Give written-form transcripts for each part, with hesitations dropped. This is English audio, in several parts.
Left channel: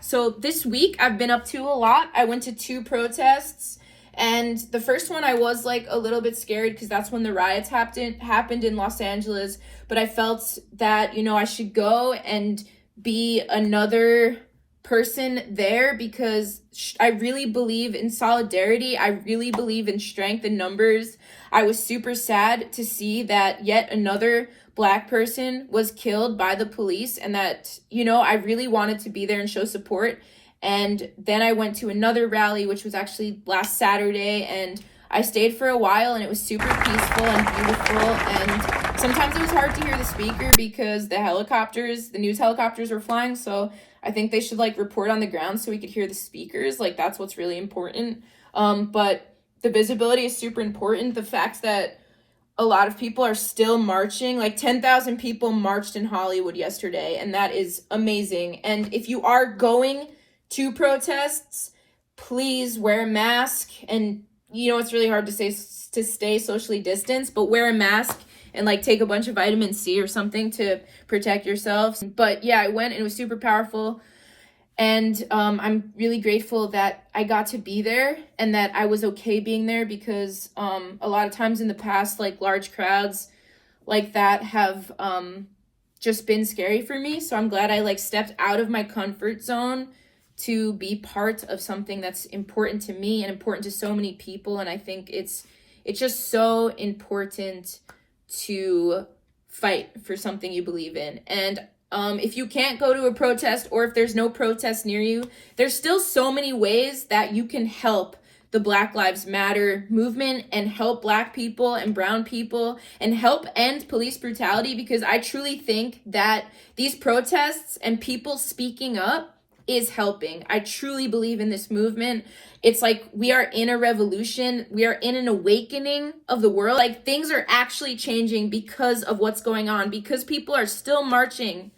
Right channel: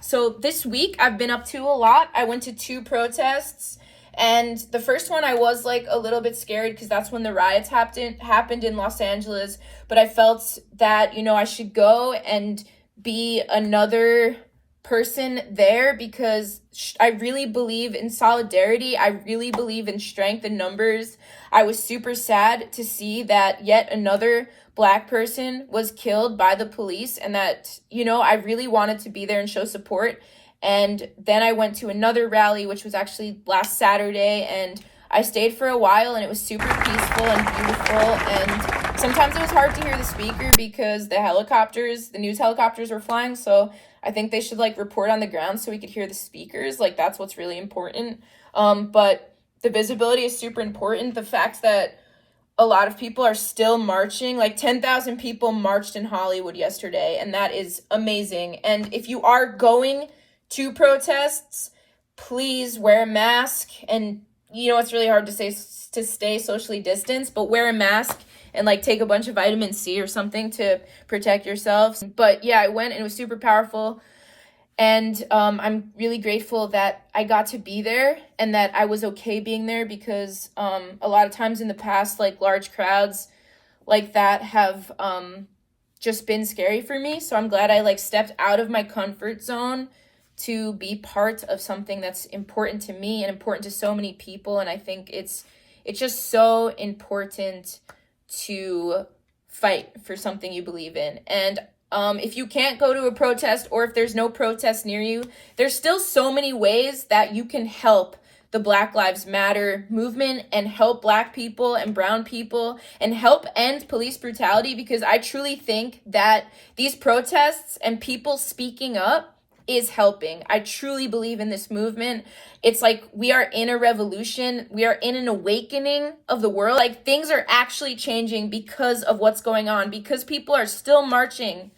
So this week I've been up to a lot. I went to 2 protests, and the first one I was like a little bit scared because that's when the riots happened in Los Angeles. But I felt that, I should go and be another person there because I really believe in solidarity. I really believe in strength in numbers. I was super sad to see that yet another Black person was killed by the police, and that, I really wanted to be there and show support. And then I went to another rally, which was actually last Saturday, and I stayed for a while, and it was super peaceful and beautiful. And sometimes it was hard to hear the speaker because the news helicopters were flying. So I think they should report on the ground so we could hear the speakers. That's what's really important. But the visibility is super important. The fact that a lot of people are still marching, 10,000 people marched in Hollywood yesterday, and that is amazing. And if you are going to protests, please wear a mask. And it's really hard to stay socially distanced, but wear a mask and take a bunch of vitamin C or something to protect yourselves. But yeah, I went and it was super powerful. And I'm really grateful that I got to be there and that I was okay being there because a lot of times in the past, large crowds like that have just been scary for me. So I'm glad I stepped out of my comfort zone to be part of something that's important to me and important to so many people. And I think it's just so important to fight for something you believe in. And if you can't go to a protest, or if there's no protest near you, there's still so many ways that you can help the Black Lives Matter movement and help Black people and brown people and help end police brutality, because I truly think that these protests and people speaking up is helping. I truly believe in this movement. It's we are in a revolution. We are in an awakening of the world. Things are actually changing because of what's going on, because people are still marching.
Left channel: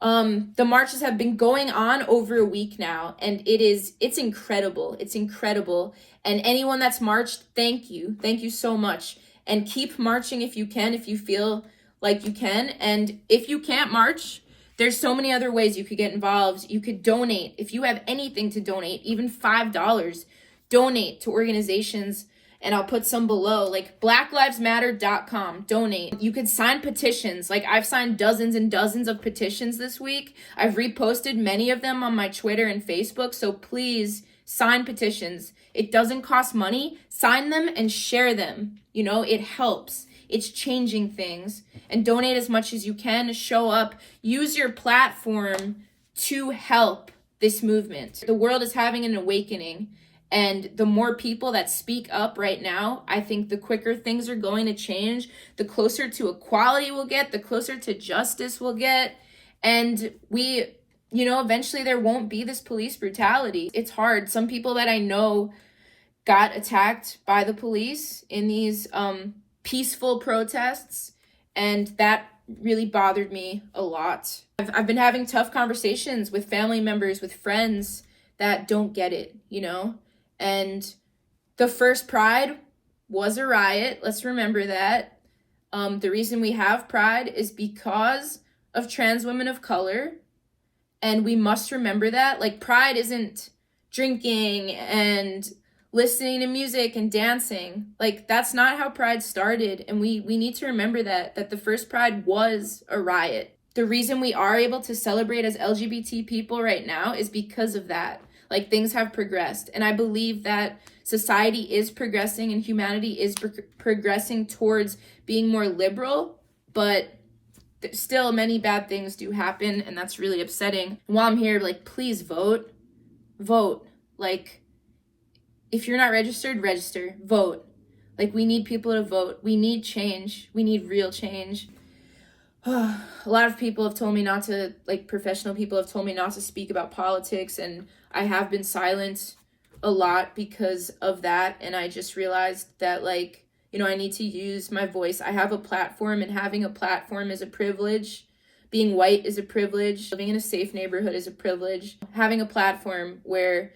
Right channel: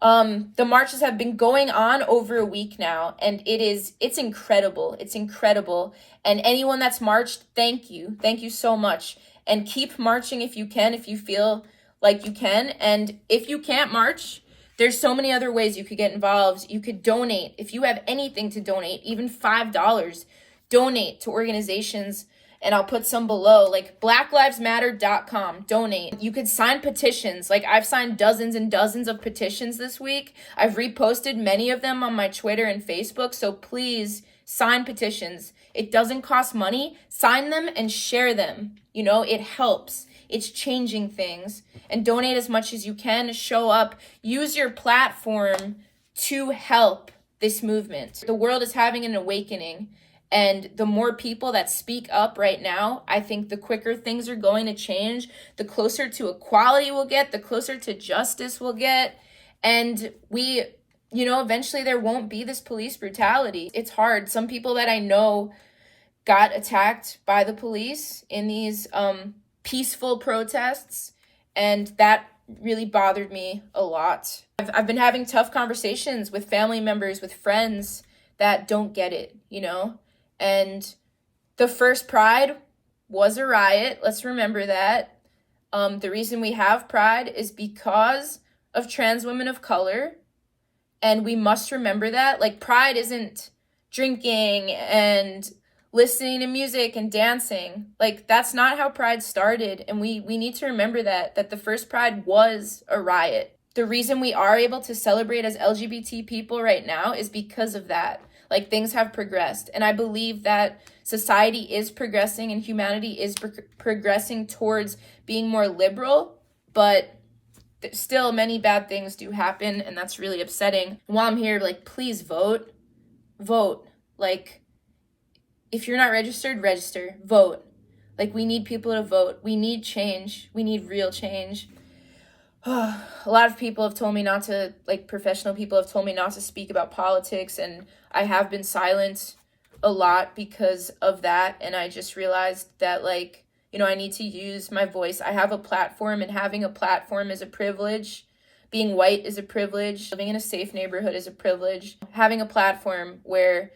The marches have been going on over a week now, and it's incredible. It's incredible. And anyone that's marched, thank you. Thank you so much. And keep marching if you can, if you feel like you can. And if you can't march, there's so many other ways you could get involved. You could donate. If you have anything to donate, even $5, donate to organizations. And I'll put some below, blacklivesmatter.com, donate. You could sign petitions. I've signed dozens and dozens of petitions this week. I've reposted many of them on my Twitter and Facebook. So please sign petitions. It doesn't cost money. Sign them and share them. It helps. It's changing things. And donate as much as you can. Show up. Use your platform to help this movement. The world is having an awakening. And the more people that speak up right now, I think the quicker things are going to change, the closer to equality we'll get, the closer to justice we'll get. And eventually there won't be this police brutality. It's hard. Some people that I know got attacked by the police in these peaceful protests, and that really bothered me a lot. I've been having tough conversations with family members, with friends that don't get it, And the first Pride was a riot. Let's remember that. The reason we have Pride is because of trans women of color. And we must remember that. Pride isn't drinking and listening to music and dancing. That's not how Pride started. And we need to remember that the first Pride was a riot. The reason we are able to celebrate as LGBT people right now is because of that. Things have progressed. And I believe that society is progressing and humanity is progressing towards being more liberal, but still many bad things do happen, and that's really upsetting. And while I'm here, please vote. Vote. If you're not registered, register. Vote. We need people to vote. We need change. We need real change. A lot of people have told me not to, professional people have told me not to speak about politics, and I have been silent a lot because of that. And I just realized that, I need to use my voice. I have a platform, and having a platform is a privilege. Being white is a privilege. Living in a safe neighborhood is a privilege. Having a platform where,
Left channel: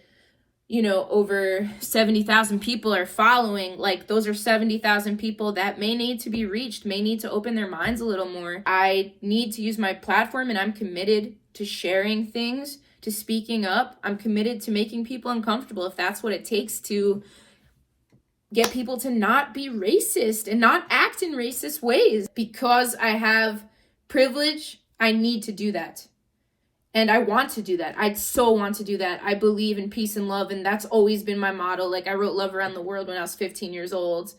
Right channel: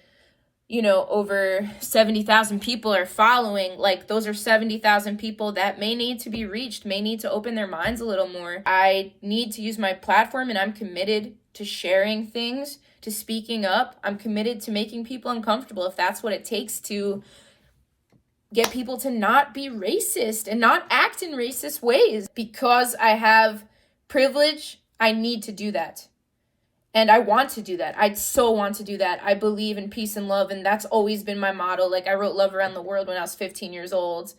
over 70,000 people are following, those are 70,000 people that may need to be reached, may need to open their minds a little more. I need to use my platform, and I'm committed to sharing things, to speaking up. I'm committed to making people uncomfortable if that's what it takes to get people to not be racist and not act in racist ways. Because I have privilege, I need to do that. And I want to do that. I so want to do that. I believe in peace and love, and that's always been my motto. Like, I wrote Love Around the World when I was 15 years old.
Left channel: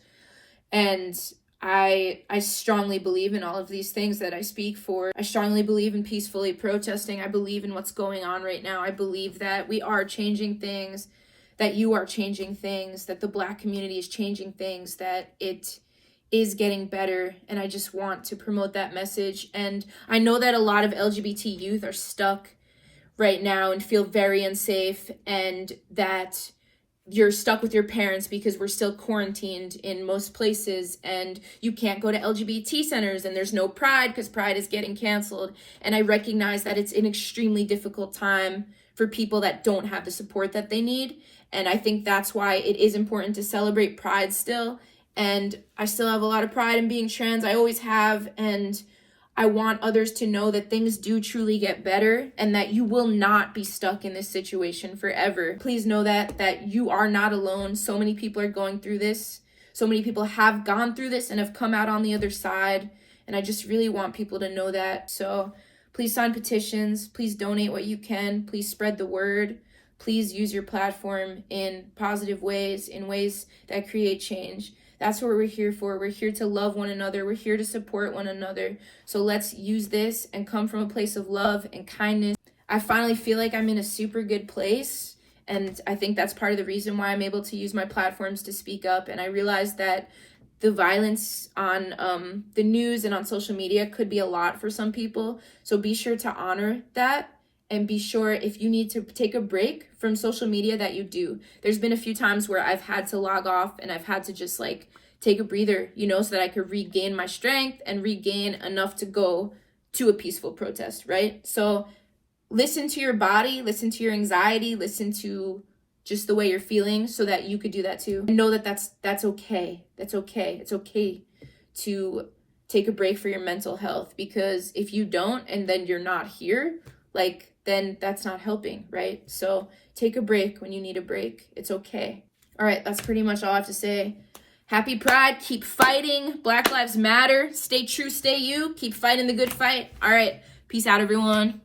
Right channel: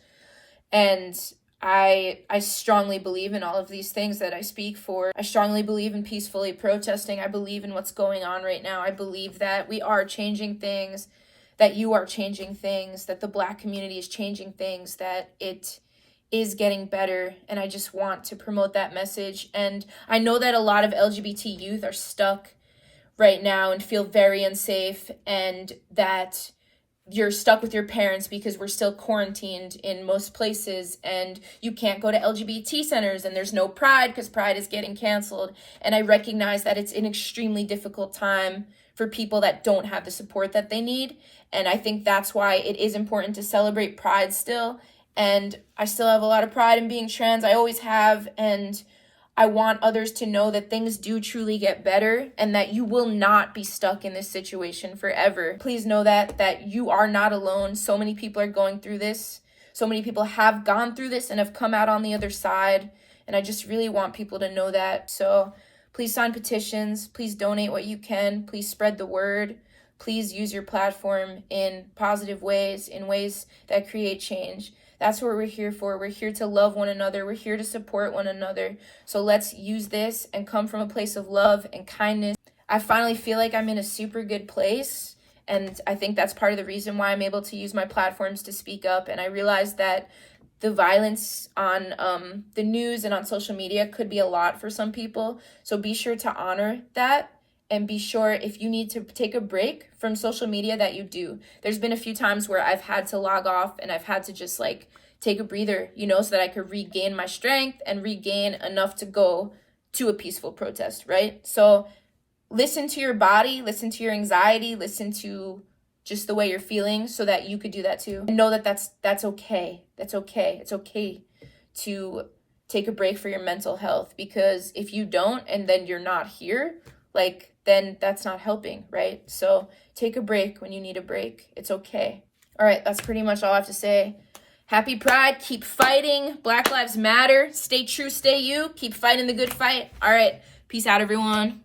And I strongly believe in all of these things that I speak for. I strongly believe in peacefully protesting. I believe in what's going on right now. I believe that we are changing things, that you are changing things, that the Black community is changing things, that it is getting better, and I just want to promote that message. And I know that a lot of LGBT youth are stuck right now and feel very unsafe, and that you're stuck with your parents because we're still quarantined in most places, and you can't go to LGBT centers, and there's no Pride because Pride is getting canceled. And I recognize that it's an extremely difficult time for people that don't have the support that they need. And I think that's why it is important to celebrate Pride still. And I still have a lot of pride in being trans. I always have. And I want others to know that things do truly get better and that you will not be stuck in this situation forever. Please know that you are not alone. So many people are going through this. So many people have gone through this and have come out on the other side. And I just really want people to know that. So please sign petitions. Please donate what you can. Please spread the word. Please use your platform in positive ways, in ways that create change. That's what we're here for. We're here to love one another. We're here to support one another. So let's use this and come from a place of love and kindness. I finally feel like I'm in a super good place. And I think that's part of the reason why I'm able to use my platforms to speak up. And I realized that the violence on the news and on social media could be a lot for some people. So be sure to honor that. And be sure if you need to take a break from social media that you do. There's been a few times where I've had to log off and I've had to just like take a breather, so that I could regain my strength and regain enough to go to a peaceful protest, right? So listen to your body, listen to your anxiety, listen to just the way you're feeling so that you could do that too. And know that that's okay. That's okay. It's okay to take a break for your mental health, because if you don't and then you're not here, then that's not helping, right? So take a break when you need a break. It's okay. All right, that's pretty much all I have to say. Happy Pride. Keep fighting. Black Lives Matter. Stay true, stay you. Keep fighting the good fight. All right, peace out, everyone.